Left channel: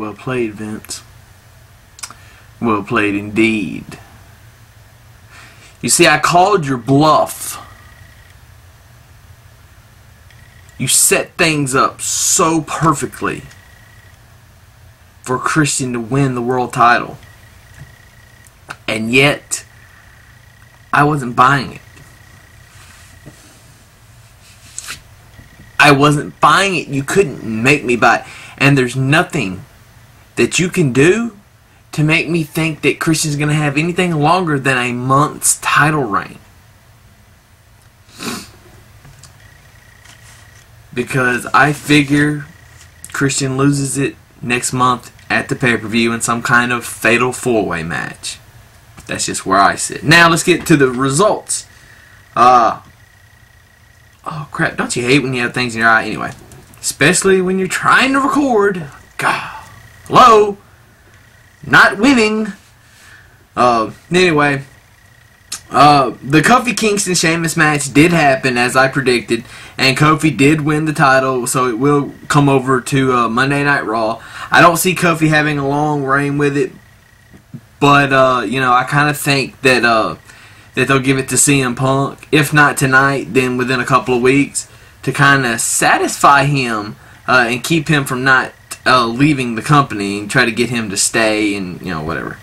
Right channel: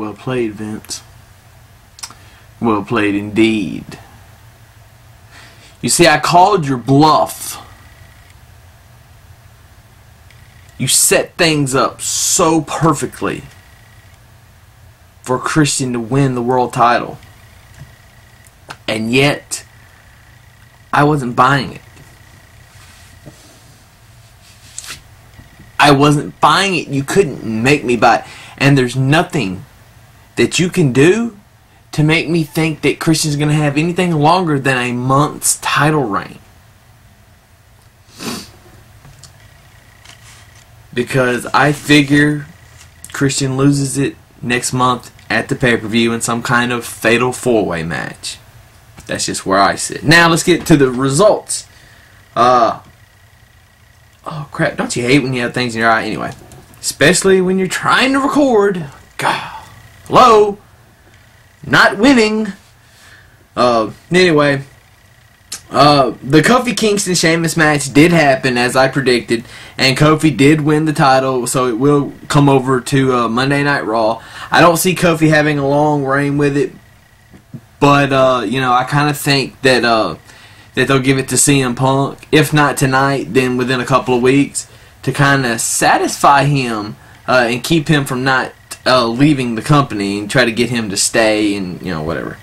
Well played, Vince. Well played indeed. You see, I called your bluff. You set things up so perfectly for Christian to win the world title. And yet, I wasn't buying it. I wasn't buying it. You couldn't make me buy it. And there's nothing that you can do to make me think that Christian's going to have anything longer than a month's title reign. Because I figure Christian loses it next month at the pay-per-view in some kind of fatal four-way match. That's just where I sit. Now let's get to the results. Oh crap, don't you hate when you have things in your eye? Anyway, especially when you're trying to record. God, hello? Not winning. Anyway, the Kofi Kingston Sheamus match did happen as I predicted, and Kofi did win the title, so it will come over to Monday Night Raw. I don't see Kofi having a long reign with it, but you know, I kind of think that that they'll give it to CM Punk, if not tonight, then within a couple of weeks, to kind of satisfy him and keep him from not leaving the company and try to get him to stay and, you know, whatever.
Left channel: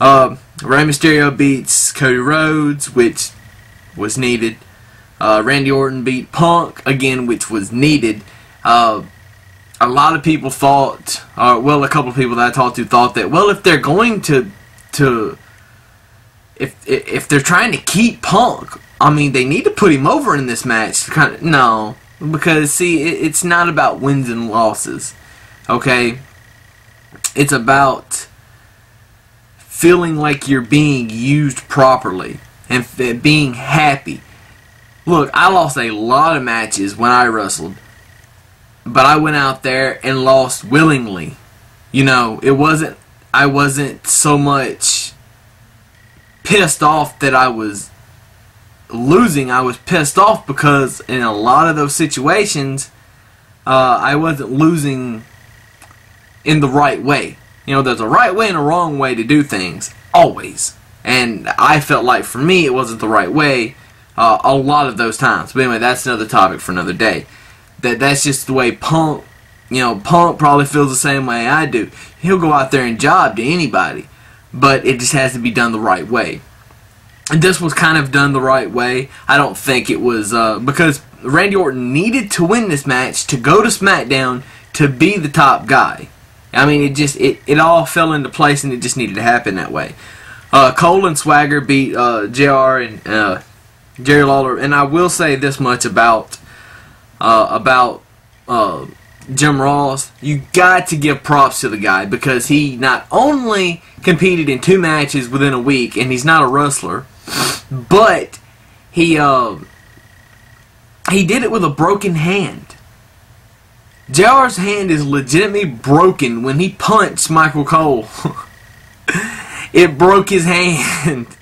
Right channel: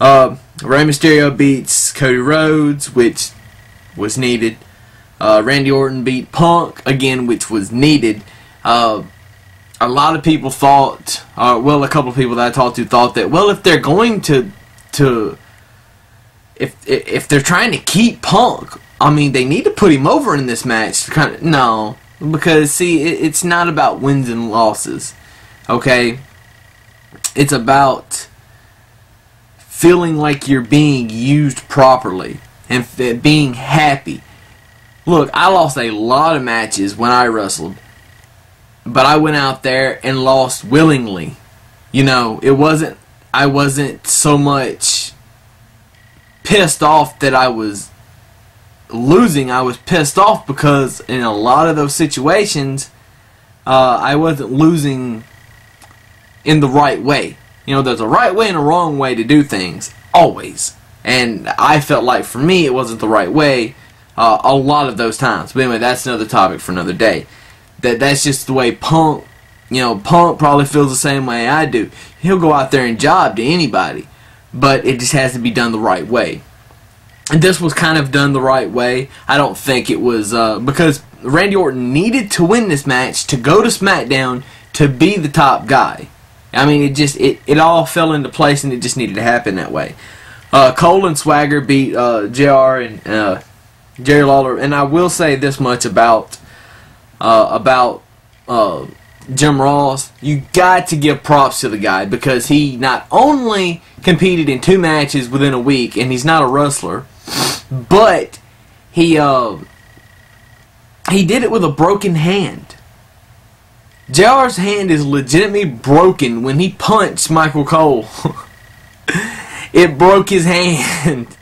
Rey Mysterio beats Cody Rhodes, which was needed. Randy Orton beat Punk, again, which was needed. A lot of people thought, well, a couple of people that I talked to thought that, well, if they're going to if they're trying to keep Punk, I mean, they need to put him over in this match. To kind of, no, because see, it's not about wins and losses. Okay, it's about feeling like you're being used properly and being happy. Look, I lost a lot of matches when I wrestled, but I went out there and lost willingly. You know, I wasn't so much pissed off that I was losing. I was pissed off because in a lot of those situations, I wasn't losing in the right way. You know, there's a right way and a wrong way to do things, always. And I felt like, for me, it wasn't the right way a lot of those times. But anyway, that's another topic for another day. That's just the way Punk, you know, Punk probably feels the same way I do. He'll go out there and job to anybody, but it just has to be done the right way. And this was kind of done the right way. I don't think it was, because Randy Orton needed to win this match to go to SmackDown to be the top guy. I mean, it all fell into place, and it just needed to happen that way. Cole and Swagger beat JR and Jerry Lawler, and I will say this much about Jim Ross. You got to give props to the guy, because he not only competed in 2 matches within a week, and he's not a wrestler, but he did it with a broken hand. JR's hand is legitimately broken when he punched Michael Cole. It broke his hand.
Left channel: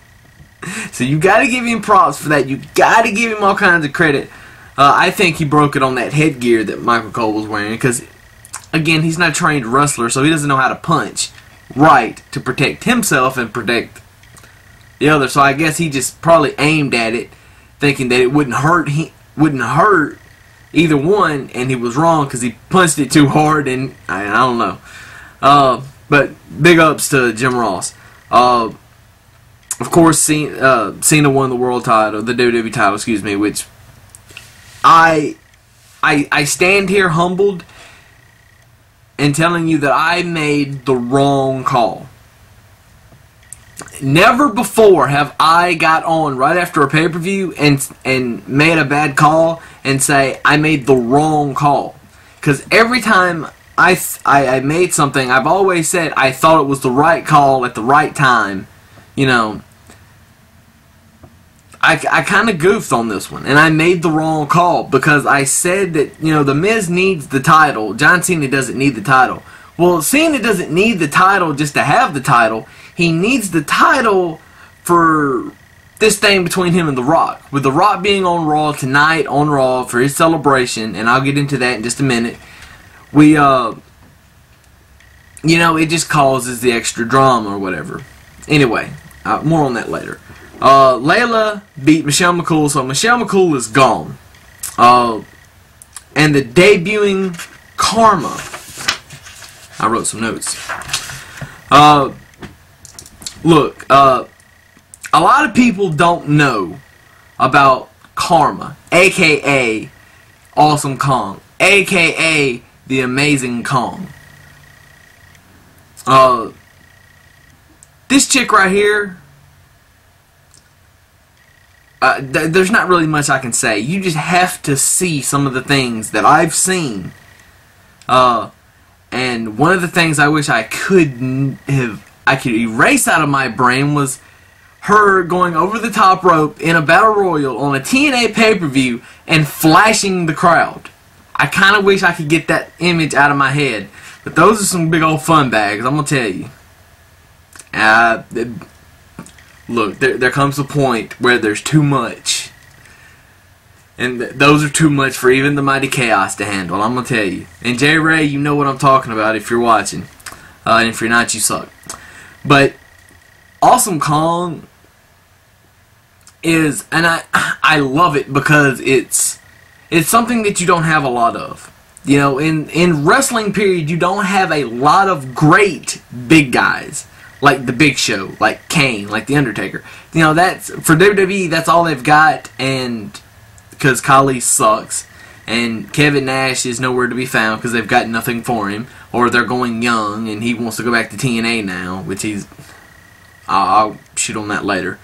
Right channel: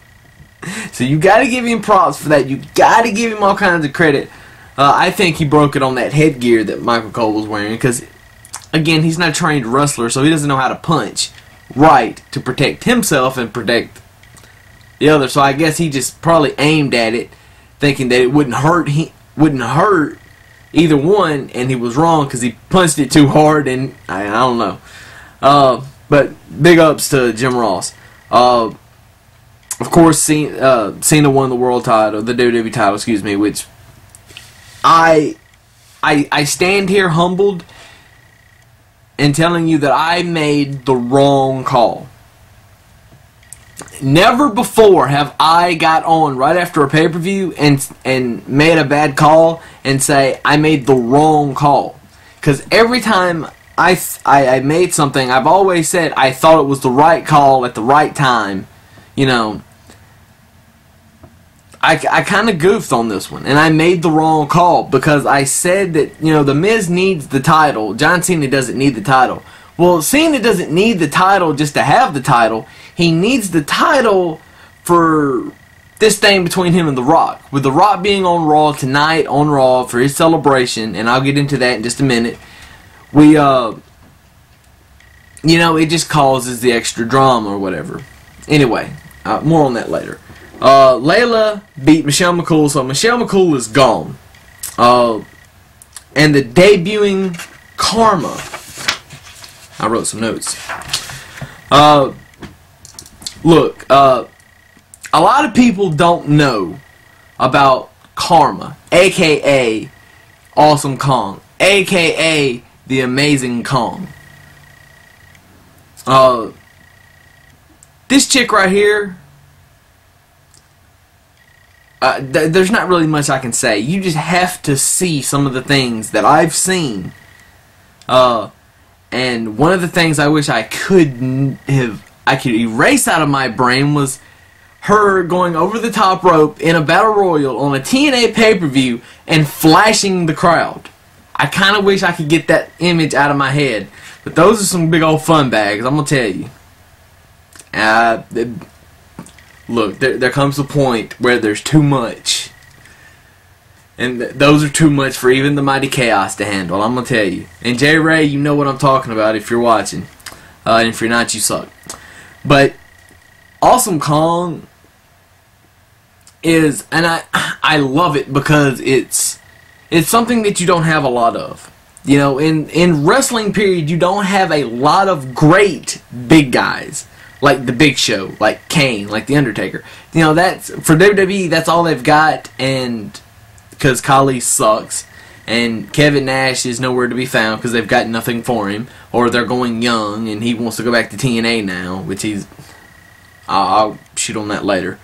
So you got to give him props for that. You got to give him all kinds of credit. I think he broke it on that headgear that Michael Cole was wearing, because, again, he's not a trained wrestler, so he doesn't know how to punch right to protect himself and protect the other. So I guess he just probably aimed at it, thinking that it wouldn't hurt either one, and he was wrong because he punched it too hard, and I don't know. But big ups to Jim Ross. Of course, Cena won the world title, the WWE title, excuse me, which I stand here humbled and telling you that I made the wrong call. Never before have I got on right after a pay-per-view and made a bad call and say I made the wrong call. Because every time I made something, I've always said I thought it was the right call at the right time. You know, I kind of goofed on this one, and I made the wrong call because I said that, you know, The Miz needs the title. John Cena doesn't need the title. Well, Cena doesn't need the title just to have the title. He needs the title for this thing between him and The Rock. With The Rock being on Raw tonight, on Raw for his celebration, and I'll get into that in just a minute, we you know, it just causes the extra drama or whatever. Anyway, more on that later. Layla beat Michelle McCool, so Michelle McCool is gone. And the debuting Karma. I wrote some notes. Look, a lot of people don't know about Karma, a.k.a. Awesome Kong, a.k.a. the Amazing Kong. This chick right here, there's not really much I can say. You just have to see some of the things that I've seen. And one of the things I wish I could erase out of my brain was her going over the top rope in a battle royal on a TNA pay-per-view and flashing the crowd. I kind of wish I could get that image out of my head. But those are some big old fun bags, I'm going to tell you. Look, there comes a point where there's too much. And those are too much for even the Mighty Chaos to handle, I'm going to tell you. And J. Ray, you know what I'm talking about if you're watching. And if you're not, you suck. But Awesome Kong is, and I love it because it's something that you don't have a lot of. You know, in wrestling period, you don't have a lot of great big guys. Like the Big Show, like Kane, like The Undertaker. You know, that's for WWE, that's all they've got, and because Khali sucks, and Kevin Nash is nowhere to be found because they've got nothing for him, or they're going young, and he wants to go back to TNA now, which I'll shoot on that later.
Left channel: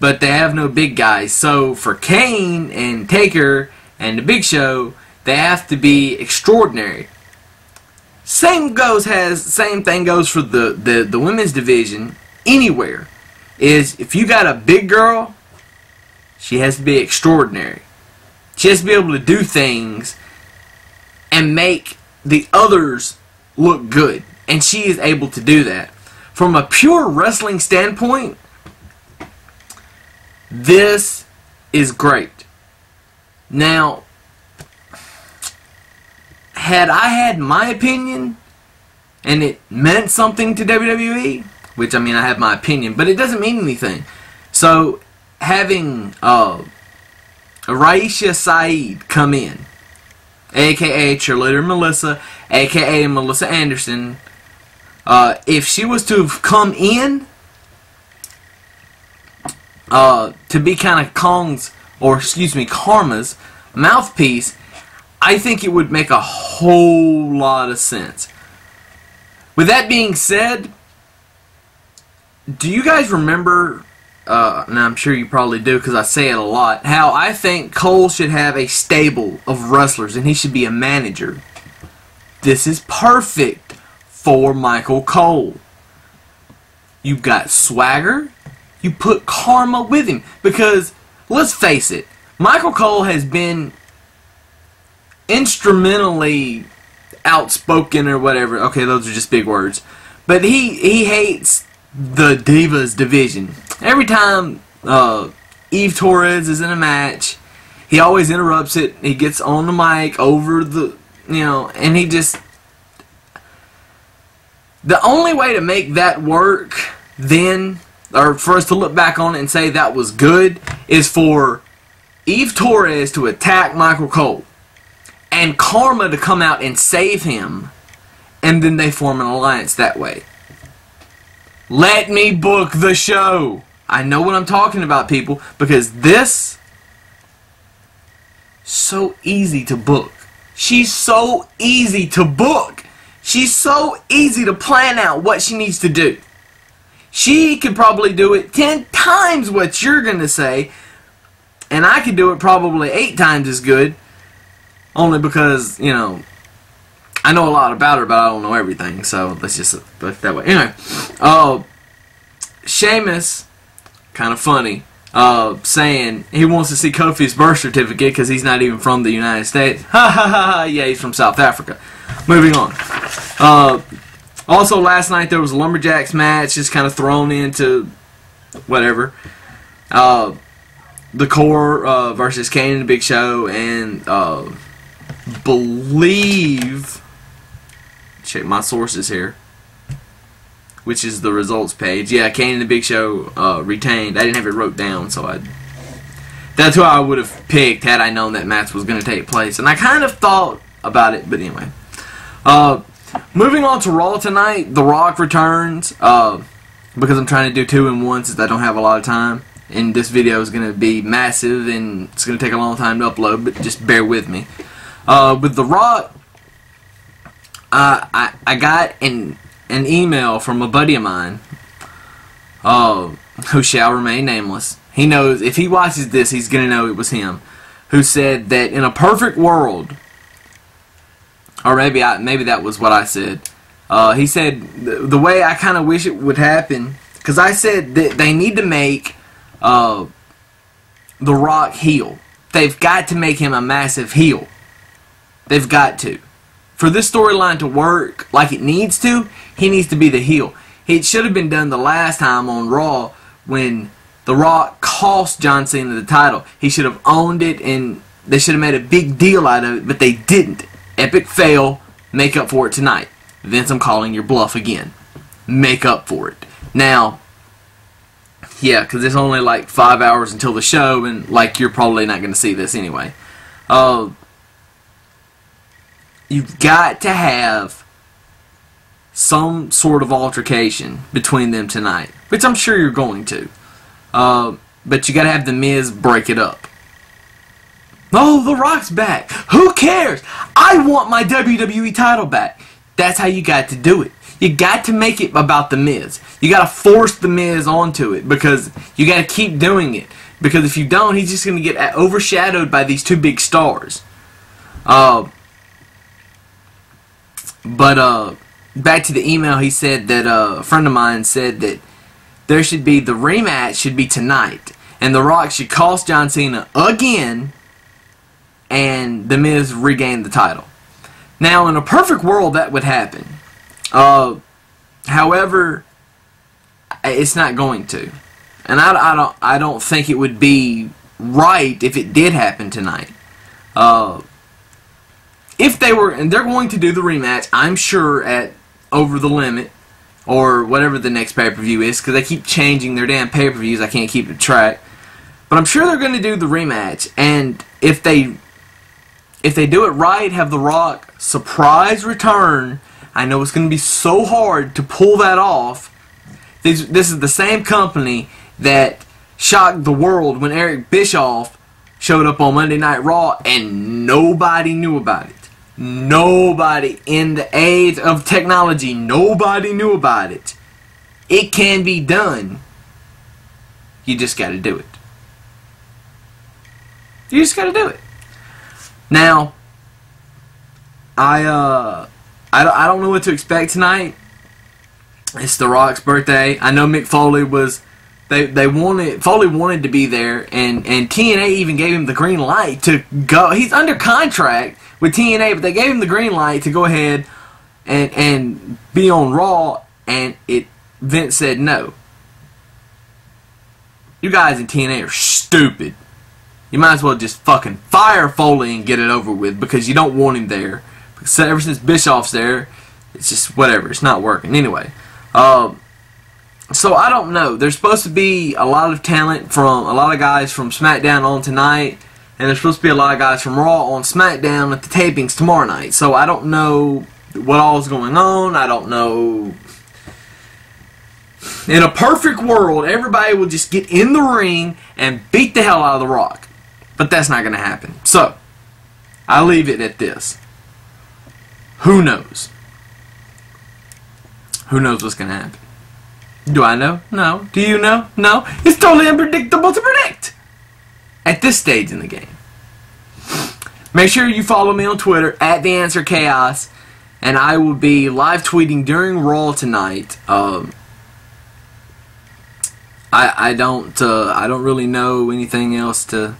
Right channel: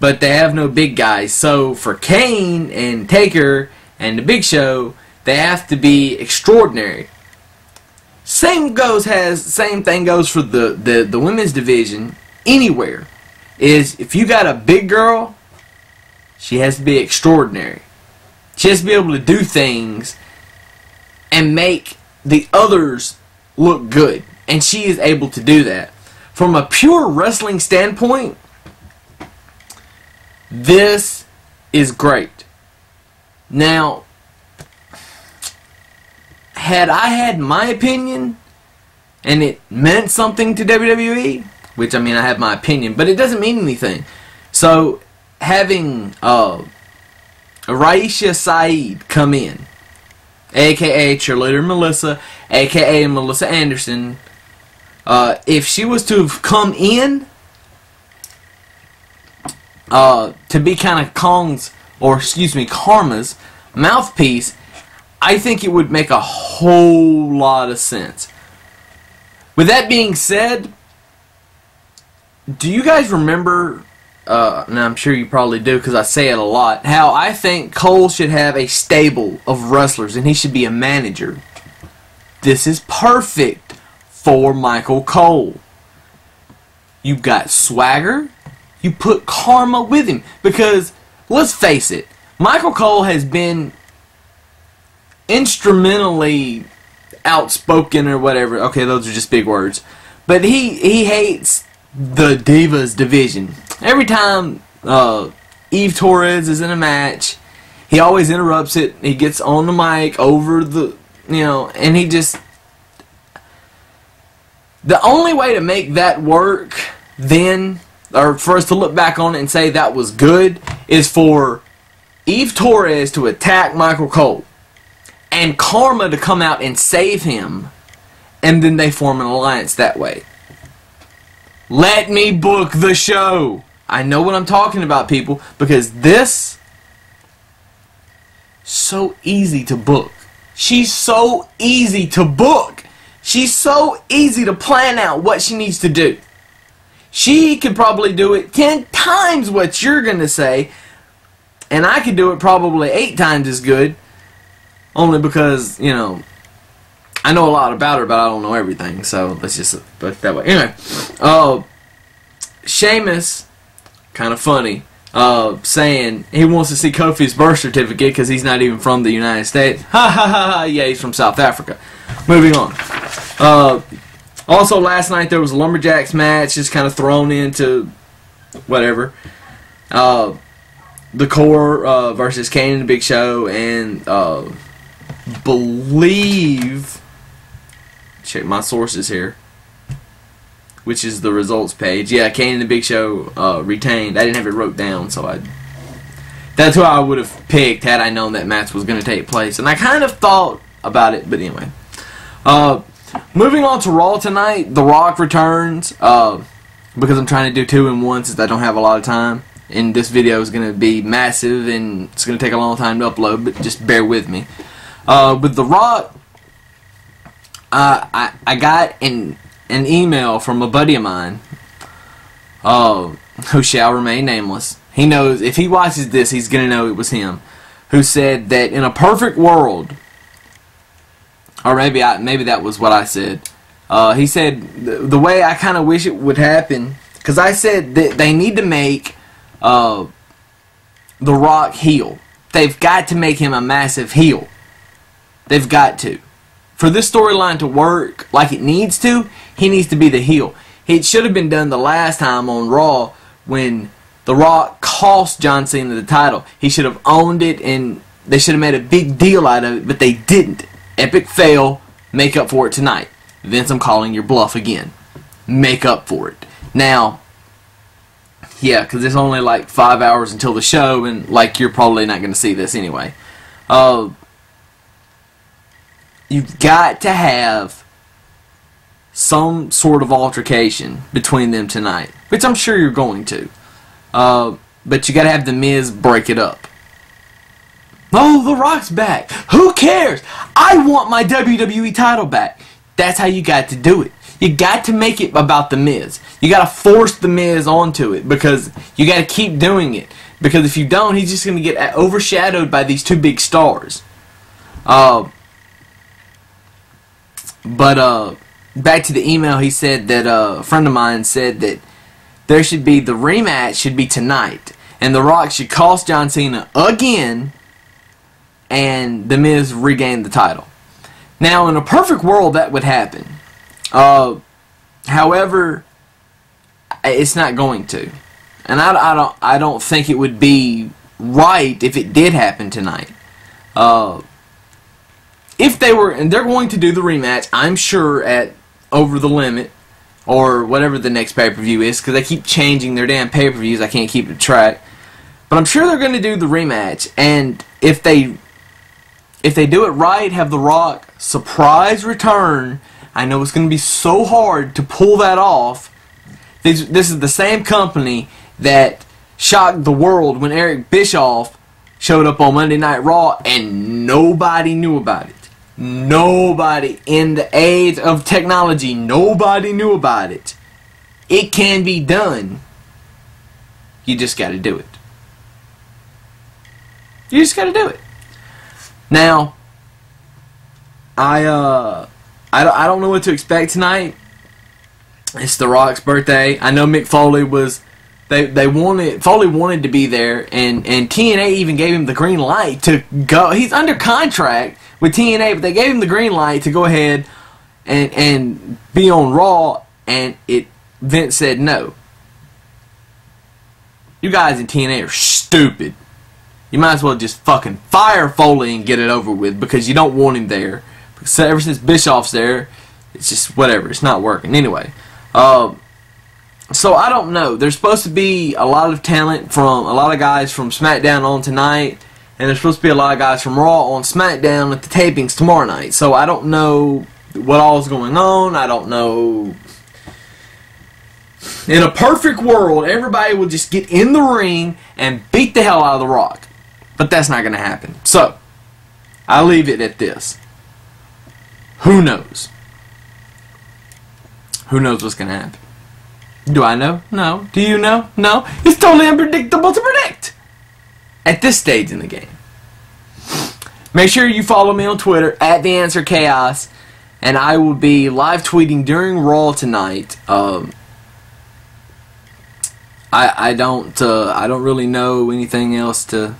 But they have no big guys, so for Kane and Taker and the Big Show, they have to be extraordinary. Same thing goes for the women's division anywhere. Is if you got a big girl, she has to be extraordinary. She has to be able to do things and make the others look good. And she is able to do that. From a pure wrestling standpoint, this is great. Now, had I had my opinion and it meant something to WWE, which I mean I have my opinion, but it doesn't mean anything. So having Raisha Saeed come in, aka Cheerleader Melissa, aka Melissa Anderson, if she was to have come in to be kind of Karma's mouthpiece, I think it would make a whole lot of sense. With that being said, do you guys remember, and I'm sure you probably do because I say it a lot, how I think Cole should have a stable of wrestlers and he should be a manager? This is perfect for Michael Cole. You got swagger, you put Karma with him, because let's face it, Michael Cole has been instrumentally outspoken or whatever. Okay, those are just big words. But he hates the Divas division. Every time Eve Torres is in a match, he always interrupts it. He gets on the mic over the, and he just... The only way to make that work then, or for us to look back on it and say that was good, is for Eve Torres to attack Michael Cole and Karma to come out and save him, and then they form an alliance that way. Let me book the show. I know what I'm talking about, people, because this so easy to book. She's so easy to book. She's so easy to plan out what she needs to do. She could probably do it 10 times what you're going to say, and I could do it probably 8 times as good, only because, I know a lot about her, but I don't know everything, so let's just put it that way. Anyway, Sheamus, kind of funny, saying he wants to see Kofi's birth certificate because he's not even from the United States. Ha ha ha ha, yeah, he's from South Africa. Moving on. Also, last night there was a Lumberjacks match, just kind of thrown into whatever. The Core versus Kane and the Big Show, and believe, check my sources here, which is the results page. Yeah, Kane and the Big Show retained. I didn't have it wrote down, so that's who I would have picked had I known that match was going to take place. And I kind of thought about it, but anyway. Moving on to Raw tonight, The Rock returns, because I'm trying to do 2 in 1 since I don't have a lot of time. And this video is going to be massive, and it's going to take a long time to upload, but just bear with me. With The Rock, I got an email from a buddy of mine, who shall remain nameless. He knows, if he watches this, he's going to know it was him, who said that in a perfect world, or maybe that was what I said. He said the way I kind of wish it would happen, because I said that they need to make The Rock heel. They've got to make him a massive heel. They've got to. For this storyline to work like it needs to, he needs to be the heel. It should have been done the last time on Raw when The Rock cost John Cena the title. He should have owned it, and they should have made a big deal out of it, but they didn't. Epic fail. Make up for it tonight. Vince, I'm calling your bluff again. Make up for it. Now, yeah, because it's only like 5 hours until the show, and like you're probably not going to see this anyway. You've got to have some sort of altercation between them tonight, which I'm sure you're going to. But you got to have The Miz break it up. Oh, The Rock's back. Who cares? I want my WWE title back. That's how you got to do it. You got to make it about The Miz. You got to force The Miz onto it, because you got to keep doing it. Because if you don't, he's just going to get overshadowed by these 2 big stars. But back to the email, he said that a friend of mine said that there should be, the rematch should be tonight, and The Rock should cost John Cena again, and The Miz regain the title. Now, in a perfect world, that would happen. However, it's not going to, and I don't think it would be right if it did happen tonight. If they were, and they're going to do the rematch, I'm sure, at Over the Limit, or whatever the next pay-per-view is, because they keep changing their damn pay-per-views, I can't keep track. But I'm sure they're going to do the rematch, and if they do it right, have The Rock surprise return, I know it's going to be so hard to pull that off. This is the same company that shocked the world when Eric Bischoff showed up on Monday Night Raw, and nobody knew about it. Nobody, in the age of technology, nobody knew about it. It can be done. You just got to do it. You just got to do it. Now, I don't know what to expect tonight. It's The Rock's birthday. I know Mick Foley was. Foley wanted to be there, and TNA even gave him the green light to go. He's under contract with TNA, but they gave him the green light to go ahead and be on Raw, and Vince said no. You guys in TNA are stupid. You might as well just fucking fire Foley and get it over with, because you don't want him there. Because ever since Bischoff's there, it's just whatever. It's not working. Anyway, so I don't know. There's supposed to be a lot of talent from a lot of guys from SmackDown on tonight, and there's supposed to be a lot of guys from Raw on SmackDown at the tapings tomorrow night. So I don't know what all is going on. I don't know. In a perfect world, everybody will just get in the ring and beat the hell out of The Rock. But that's not going to happen. So, I leave it at this. Who knows? Who knows what's going to happen? Do I know? No. Do you know? No. It's totally unpredictable to predict at this stage in the game. Make sure you follow me on Twitter at TheAnswerChaos, and I will be live tweeting during Raw tonight. I don't really know anything else to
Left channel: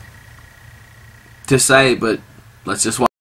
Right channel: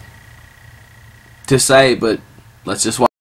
say, but let's just watch.